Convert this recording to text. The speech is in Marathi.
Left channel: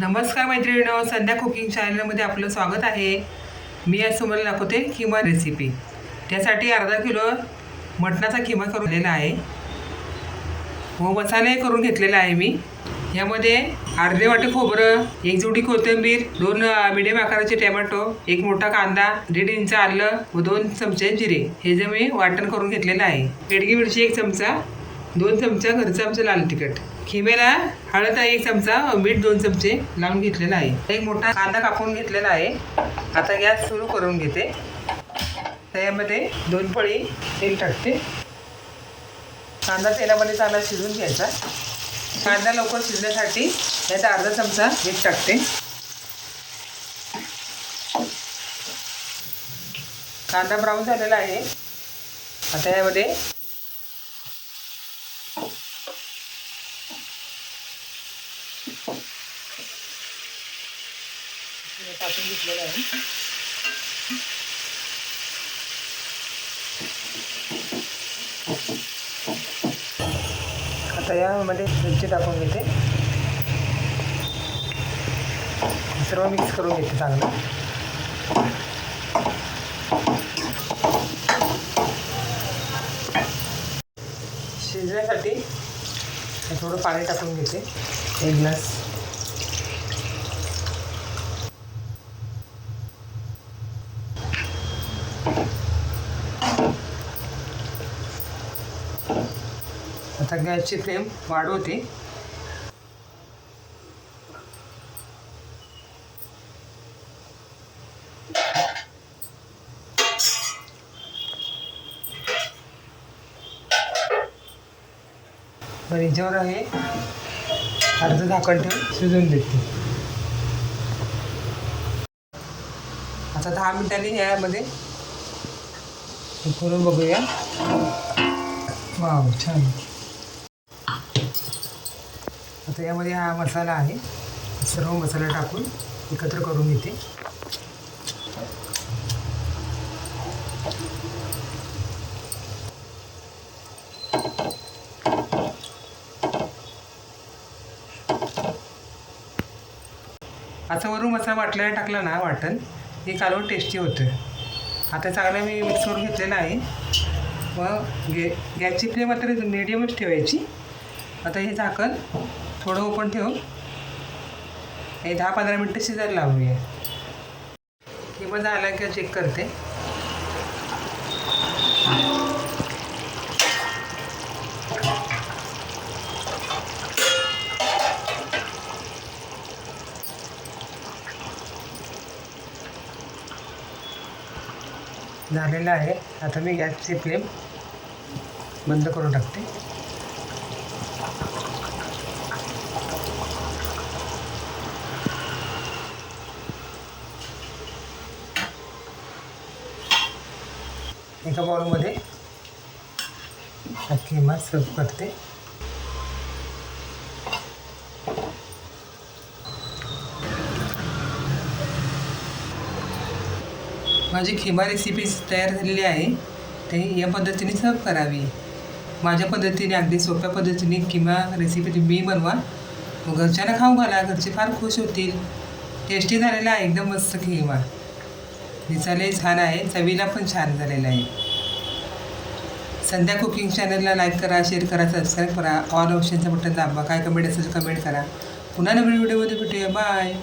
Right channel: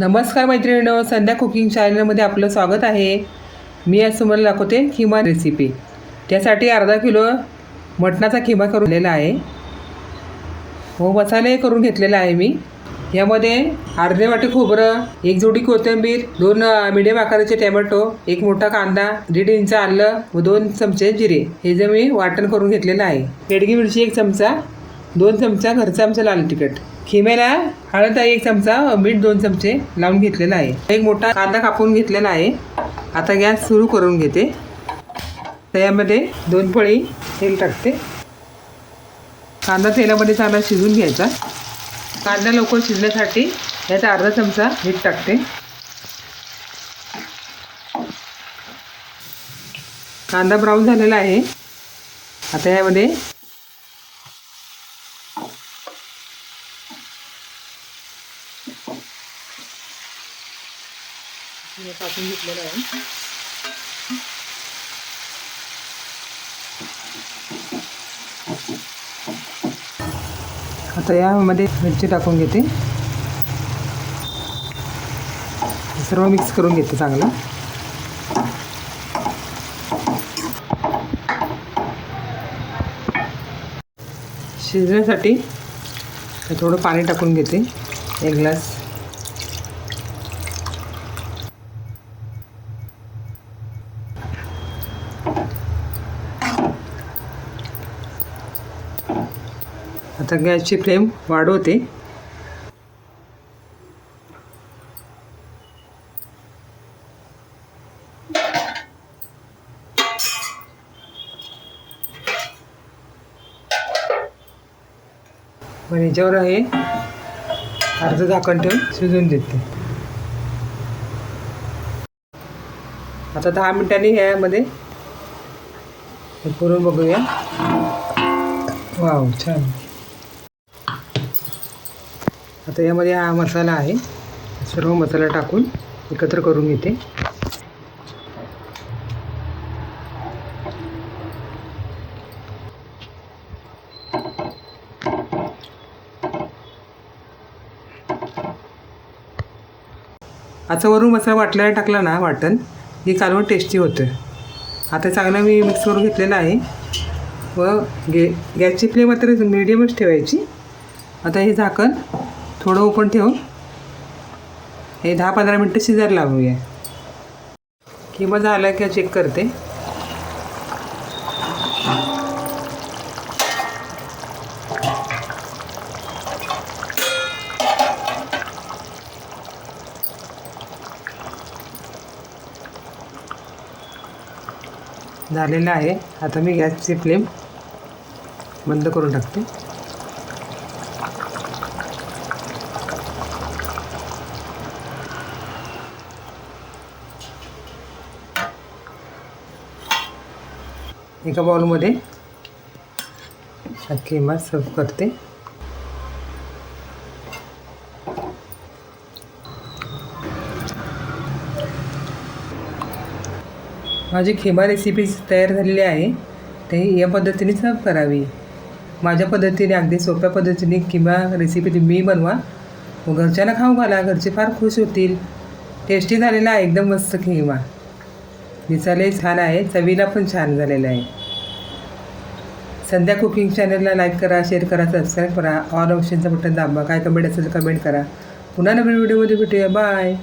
नमस्कार मैत्रिणींनो, संध्या कुकिंग चॅनलमध्ये आपलं स्वागत आहे. मी आज तुम्हाला दाखवते खीमा रेसिपी. त्यासाठी अर्धा किलो मटणाचा खीमा करून घेतलेला आहे व मसाले करून घेतलेला आहे मी. यामध्ये अर्धे वाटे खोबरं, एक जोडी कोथिंबीर, 2 मीडियम आकाराचे टोमॅटो, एक मोठा कांदा, 1.5 इंच आलं व 2 चमचे जिरे हे जे मी वाटण करून घेतलेलं आहे. बेडगी मिरची 1 चमचा, 2 चमचा घरचा आमचा लाल तिखट, खिम्याला हळद 1 चमचा, मीठ 2 चमचे लावून घेतलेला आहे. एक मोठा कांदा कापून घेतलेला आहे. आता गॅस सुरू करून घेते. त्यामध्ये 2 पळी तेल टाकते. कांदा तेलामध्ये चांगला शिजून घ्यायचा. कांदा लवकर शिजण्यासाठी यात अर्धा चमचा मीठ टाकते. कांदा ब्राऊन झालेला आहे. आता यामध्ये टाकून घेतलेलं आहे. आता यामध्ये मिरची टाकून घेते. सर्व मिक्स करून घेते चांगलं. शिजण्यासाठी थोडं पाणी टाकून घेते, 1 ग्लास. आता गॅसची फ्लेम वाढवते. आणि याच्यावर हे अर्ध झाकण ठेवून शिजवून देते. आता 10 मिनिटांनी यामध्ये करून बघूया. वाव, छान. आता यामध्ये हा मसाला आहे. सर्व मसाला टाकून एकत्र करून घेते. आता वरून मसाला वाटल्याला टाकला ना वाटण, हे कालवण टेस्टी होतं. आता चांगला मी मिक्स करून घेतलेला आहे व गॅसची फ्लेम मात्र मीडियमच ठेवायची. आता हे झाकण थोडं ओपन ठेवून हे 10-15 मिनटं शिजायला लावूया. किंवा झालं का चेक करते. झालेलं आहे. आता मी गॅसची फ्लेम बंद करून टाकते. एका बाउलमध्ये खीमा सर्व करते. माझी खीमा रेसिपी तयार झालेली आहे. ते या पद्धतीने सर्व करावी. माझ्या पद्धतीने अगदी सोप्या पद्धतीने खीमा रेसिपी तुम्ही बनवा व घरच्यांना खाऊ घाला. घरचे फार खुश होतील. टेस्टी झालेला आहे एकदम मस्त खीमा. दिसायलाही छान आहे, चवीला पण छान झालेलं आहे. संध्या कुकिंग चॅनलला लाईक करा, शेअर करा, सबस्क्राईब करा. ऑल ऑप्शनचं बटन दाबा. काय कमेंट असेल तर कमेंट करा. पुन्हा नवीन व्हिडिओमध्ये भेटूया. बाय.